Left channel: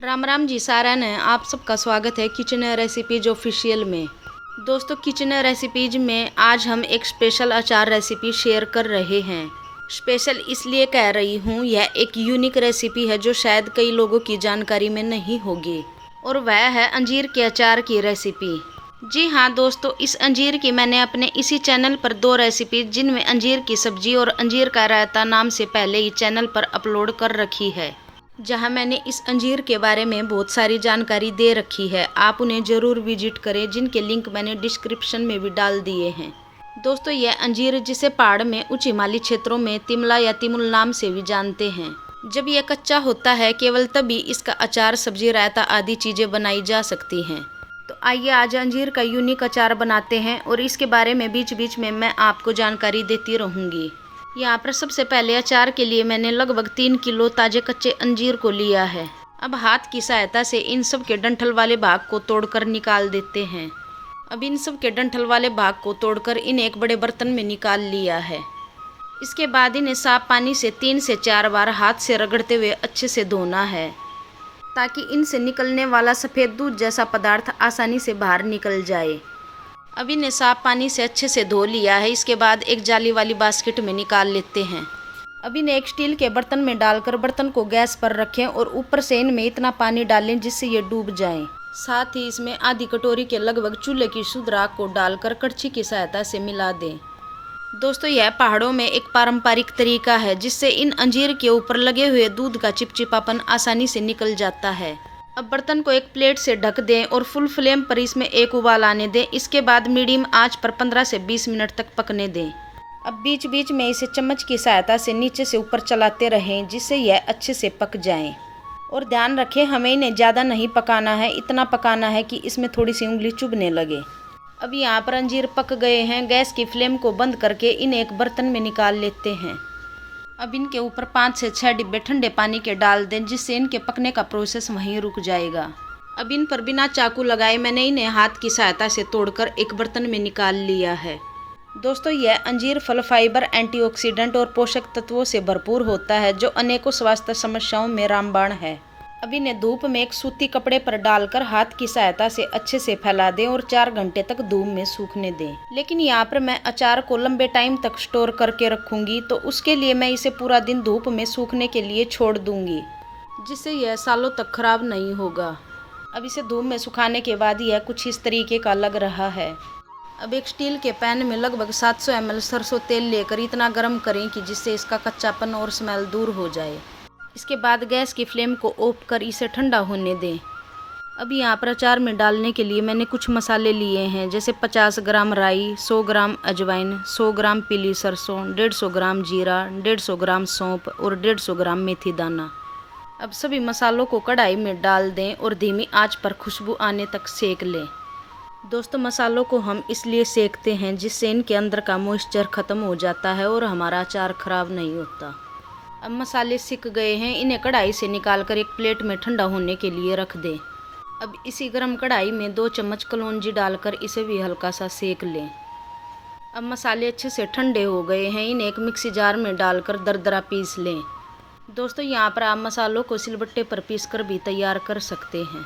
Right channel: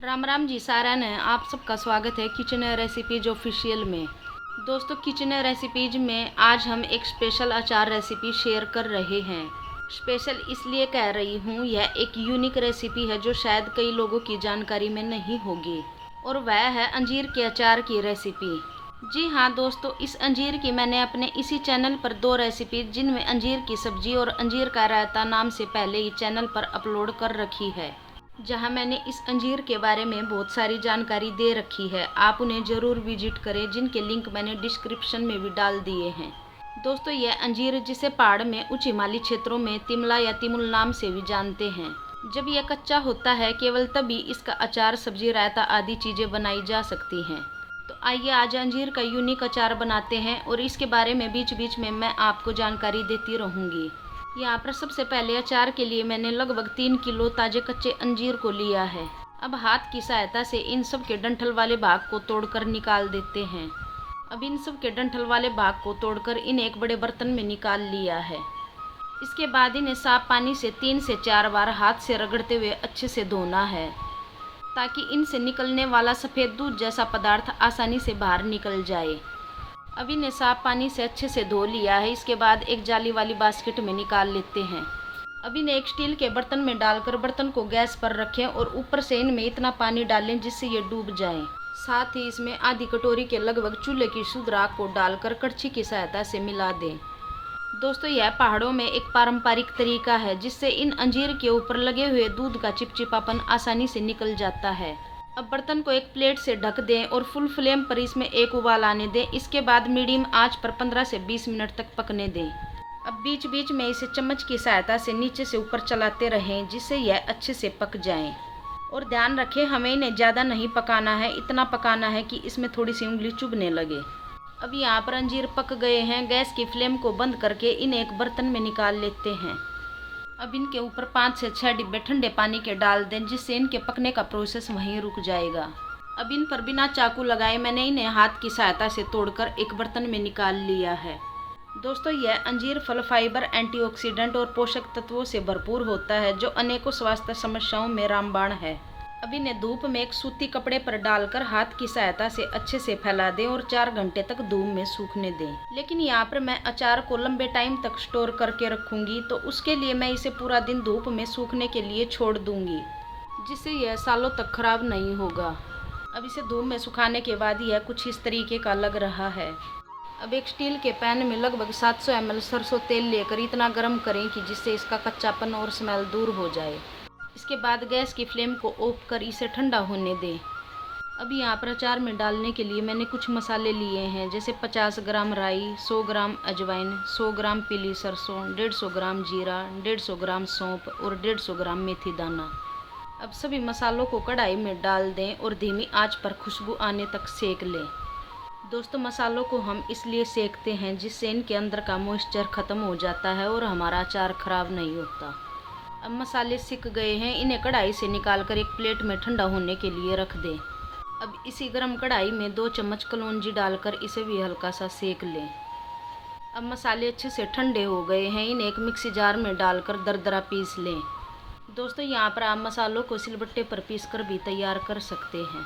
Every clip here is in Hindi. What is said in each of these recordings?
राम राम जी सारन है। आप सबका स्वागत है किचन रेसिपीज ऑफिशियल में। दोस्तों, किचन रेसिपीज में आज हम एक स्पेशल अचार रेसिपी शेयर कर रहे हैं। स्पेशल इसलिए कह रही हूँ, यह एक यूनिक रेसिपी है जो शायद कई लोगों की जानकारी में नहीं होगी, और वह है अंजीर के अचार की रेसिपी। जी हाँ दोस्तों, इस अंजीर की मैंने अपने इसी चैनल पर 2 रेसिपी जिनमें अंजीर की सब्जी और अंजीर का रायता नाम से पहले ही चैनल पर अपलोड कर रखी है, जहां मैंने इस अंजीर के बारे में बहुत सारी जानकारी दे रखी है। आप उन्हें ज़रूर विजिट करें, जिनके लिंक मैंने डिस्क्रिप्शन में भी डाल दिए हैं। दोस्तों, यह अंजीर जिसे पहाड़ में उच्च हिमालयी क्षेत्रों में तिमला या तिमुल नाम से भी जानते हैं। जब यह कच्चा होता है, केवल तभी इसका अचार, सब्जी, रायता आदि चीज़ें बनाई जा सकती हैं। तो आइए आज अंजीर का यूनिक अचार बनाते हैं, और इसके बारे में बीच बीच में मैं आपको जानकारी देती रहूँगी। यहाँ पर सबसे पहले अचार के लिए मैंने लगभग 3 किलो ताजे कच्चे अंजीर को लिया है। अब हाथ की सहायता से इन सब के डंठल वाले भाग को तोड़कर निकाल देते हैं। अब इन सब के डंठल वाले भाग को तोड़कर इन्हें एक बड़े बर्तन में निकाल लिया है। इसके बाद इन्हें साफ पानी से 3 से 4 बार हाथ से रगड़ते हुए अच्छे से धोना है, ताकि इनसे निकलने वाला सफ़ेद दूध जैसा पदार्थ आसानी से बाहर निकल जाए। अब इन्हें साफ पानी से अच्छे से धो लिया है। इसके बाद एक जाली वाली बास्केट में निकाल लेते हैं। अब इन्हें एक स्टील के बर्तन में डालकर बर्तन को गैस पर रखें, और ऊपर से इनमें इतना पानी डालें जिससे ये डूब जाएं। साथ ही इसमें आधी कटोरी के लगभग चूल्हे की शुद्ध राख को डालकर कड़छी की सहायता से मिला दें। दोस्तों, यह पहाड़ों में एक पारंपरिक तरीका है, जिससे इन अंजीर के ऊपर लगे हुए दूध का चिपचिपापन आसानी से निकल जाता है। अब बर्तन को एक प्लेट से ढक दें और फुल फ्लेम पर इसमें एक उबाल आने दें। इसके बाद मीडियम आंच पर 15 से 20 मिनट तक पकने दें। अब बीच बीच में इसे चम्मच की सहायता से नीचे से ऊपर चलाते रहें, जिससे यह अच्छे से पक जाएं। और ध्यान रखें, हमें इन्हें ज़्यादा नहीं पकाना है, इतना पकाना है कि इसमें थोड़ी सी उंगली चुभने लगे। अब यहाँ पर अंजीर पक गए हैं। गैस की फ्लेम को बंद करके इन्हें एक बर्तन में निकाल लेते हैं। अब इनके ऊपर 5 से 6 डिब्बे ठंडे पानी के डाल दें, जिससे इनके पकने का प्रोसेस वहीं रुक जाएगा। अब इन पर बिना चाकू लगाए मैंने इन्हें हाथ की सहायता से तोड़कर एक बर्तन में निकाल लिया है। दोस्तों, यह अंजीर फल फाइबर, एंटीऑक्सीडेंट और पोषक तत्वों से भरपूर होता है, जो अनेकों स्वास्थ्य समस्याओं में रामबाण है। अब इन्हें धूप में एक सूती कपड़े पर डालकर हाथ की सहायता से अच्छे से फैला दें और 4 घंटे तक धूप में सूखने दें। लेकिन यहाँ पर मैं अचार को लंबे टाइम तक स्टोर करके रखूँगी, तो उसके लिए मैं इसे पूरा दिन धूप में सूखने के लिए छोड़ दूँगी, जिससे यह सालों तक खराब नहीं होगा। अब इसे धूप में सुखाने के बाद यह कुछ इस तरीके का लग रहा है। अब एक स्टील के पैन में लगभग 700 ml सरसों तेल लेकर इतना गर्म करें कि जिससे इसका कच्चापन और स्मेल दूर हो जाए। इसके बाद गैस की फ्लेम को ऑफ कर इसे ठंडा होने दें। अब यहाँ पर अचार में डालने के लिए मैंने कुछ मसाले लिए हैं, जैसे 50 ग्राम राई, 100 ग्राम अजवाइन, 100 ग्राम पीली सरसों, 150 ग्राम जीरा, 150 ग्राम सौंफ और 150 ग्राम मेथी दाना। अब सभी मसालों को कढ़ाई में डाल दें और धीमी आंच पर खुशबू आने तक सेक लें। दोस्तों, मसालों को हम इसलिए सेकते हैं जिससे इनके अंदर का मॉइस्चर ख़त्म हो जाता है और हमारा अचार ख़राब नहीं होता। अब मसाले सिक गए हैं। इन्हें कढ़ाई से निकालकर एक प्लेट में ठंडा होने के लिए रख दें। अब इसी गर्म कढ़ाई में 2 चम्मच कलौंजी डालकर इसे भी हल्का सा सेक लें। अब मसाले अच्छे से ठंडे हो गए हैं। इन्हें एक मिक्सी जार में डालकर दरदरा पीस लें। दोस्तों, यहाँ पर आप मसालों को सिलबट्टे पर पीसकर भी तैयार कर सकते हैं।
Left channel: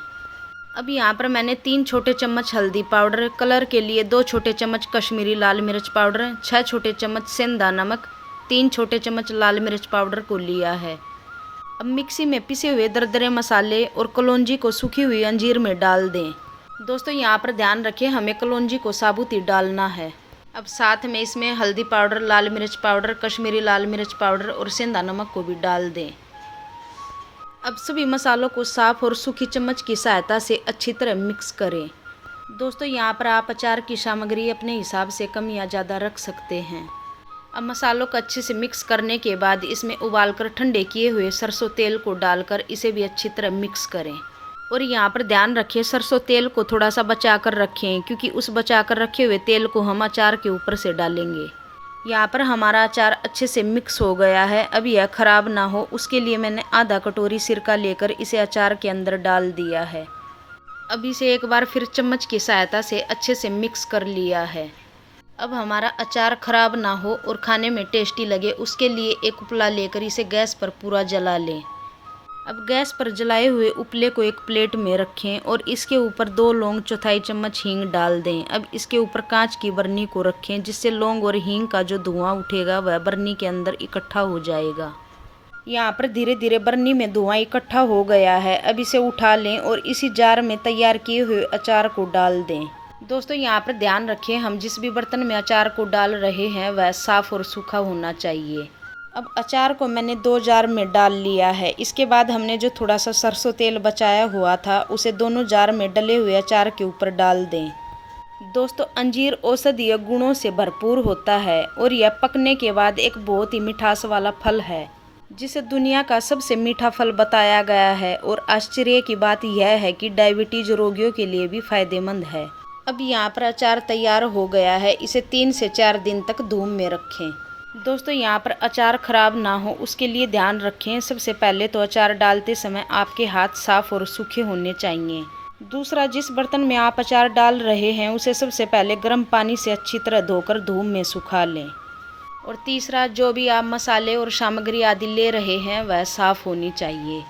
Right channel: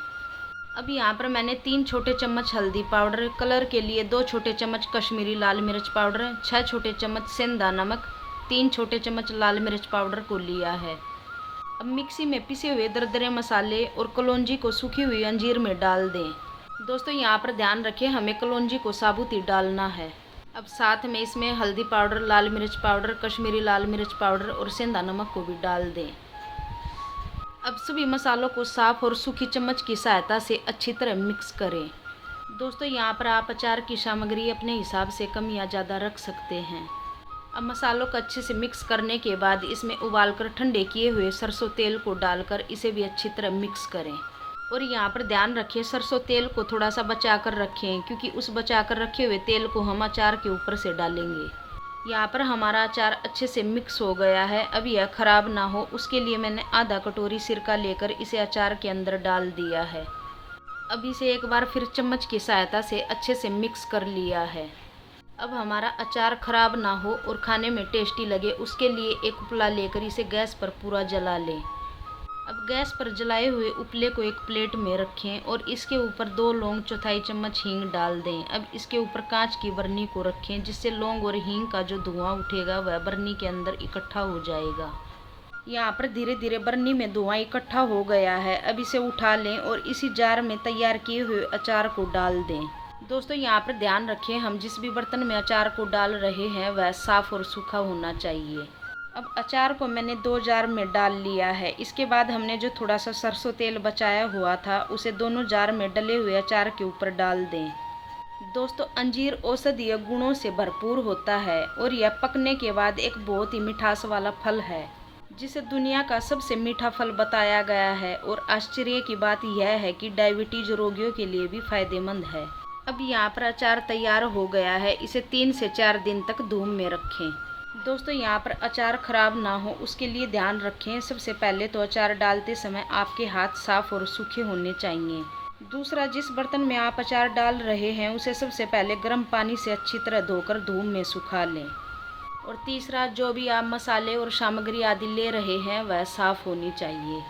अब यहाँ पर मैंने 3 छोटे चम्मच हल्दी पाउडर, कलर के लिए 2 छोटे चम्मच कश्मीरी लाल मिर्च पाउडर, 6 छोटे चम्मच सेंधा नमक, 3 छोटे चम्मच लाल मिर्च पाउडर को लिया है। अब मिक्सी में पिसे हुए दरदरे मसाले और कलौंजी को सूखी हुई अंजीर में डाल दें। दोस्तों, यहाँ पर ध्यान रखें, हमें कलौंजी को साबुत ही डालना है। अब साथ में इसमें हल्दी पाउडर, लाल मिर्च पाउडर, कश्मीरी लाल मिर्च पाउडर और सेंधा नमक को भी डाल दें। अब सभी मसालों को साफ और सूखी चम्मच की सहायता से अच्छी तरह मिक्स करें। दोस्तों, यहाँ पर आप अचार की सामग्री अपने हिसाब से कम या ज़्यादा रख सकते हैं। अब मसालों को अच्छे से मिक्स करने के बाद इसमें उबालकर ठंडे किए हुए सरसों तेल को डालकर इसे भी अच्छी तरह मिक्स करें। और यहाँ पर ध्यान रखें, सरसों तेल को थोड़ा सा बचा कर रखें, क्योंकि उस बचा कर रखे हुए तेल को हम अचार के ऊपर से डालेंगे। यहाँ पर हमारा अचार अच्छे से मिक्स हो गया है। अब यह ख़राब ना हो, उसके लिए मैंने आधा कटोरी सिरका लेकर इसे अचार के अंदर डाल दिया है। अब इसे एक बार फिर चम्मच की सहायता से अच्छे से मिक्स कर लिया है। अब हमारा अचार ख़राब ना हो और खाने में टेस्टी लगे, उसके लिए एक उपला लेकर इसे गैस पर पूरा जला लें। अब गैस पर जलाए हुए उपले को एक प्लेट में रखें और इसके ऊपर 2 लौंग चौथाई चम्मच हींग डाल दें। अब इसके ऊपर कांच की बर्नी को रखें, जिससे लौंग और हींग का जो धुआं उठेगा वह बर्नी के अंदर इकट्ठा हो जाएगा। यहाँ पर धीरे धीरे बर्नी में धुआं इकट्ठा हो गया है। अब इसे उठा लें और इसी जार में तैयार किए हुए अचार को डाल दें। दोस्तों यहाँ पर ध्यान रखें, हम जिस भी बर्तन में अचार को डाल रहे हैं वह साफ़ और सूखा होना चाहिए। अब अचार को मैंने 2 जार में डाल लिया है। इसके बाद हमने जो थोड़ा सा सरसों तेल बचाया हुआ था उसे दोनों जार में डले हुए अचार के ऊपर डाल दें। दोस्तों अंजीर औषधीय गुणों से भरपूर होता है और यह पकने के बाद एक बहुत ही मिठास वाला फल है, जिसे दुनिया का सबसे मीठा फल बताया गया है। और आश्चर्य की बात यह है कि डायबिटीज रोगियों के लिए भी फायदेमंद है। अब यहाँ पर अचार तैयार हो गया है। इसे 3 से 4 दिन तक धूप में रखें। दोस्तों यहाँ पर अचार खराब ना हो उसके लिए ध्यान रखें। सबसे पहले तो अचार डालते समय आपके हाथ साफ और सूखे होने चाहिए। दूसरा, जिस बर्तन में आप अचार डाल रहे हैं उसे सबसे पहले गर्म पानी से अच्छी तरह धोकर धूप में सुखा लें। और तीसरा, जो भी आप मसाले और सामग्री आदि ले रहे हैं वह साफ़ होनी चाहिए।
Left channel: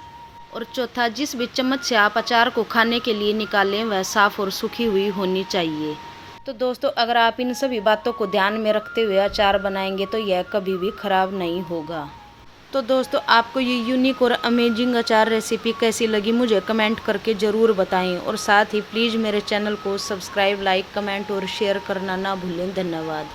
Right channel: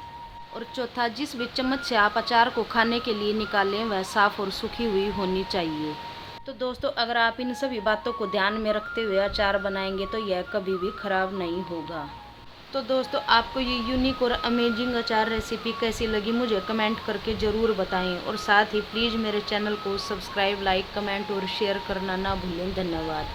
और चौथा, जिस भी चम्मच से आप अचार को खाने के लिए निकालें वह साफ़ और सूखी हुई होनी चाहिए। तो दोस्तों अगर आप इन सभी बातों को ध्यान में रखते हुए अचार बनाएंगे तो यह कभी भी ख़राब नहीं होगा। तो दोस्तों आपको ये यूनिक और अमेजिंग अचार रेसिपी कैसी लगी मुझे कमेंट करके ज़रूर बताएं। और साथ ही प्लीज़ मेरे चैनल को सब्सक्राइब, लाइक, कमेंट और शेयर करना ना भूलें। धन्यवाद।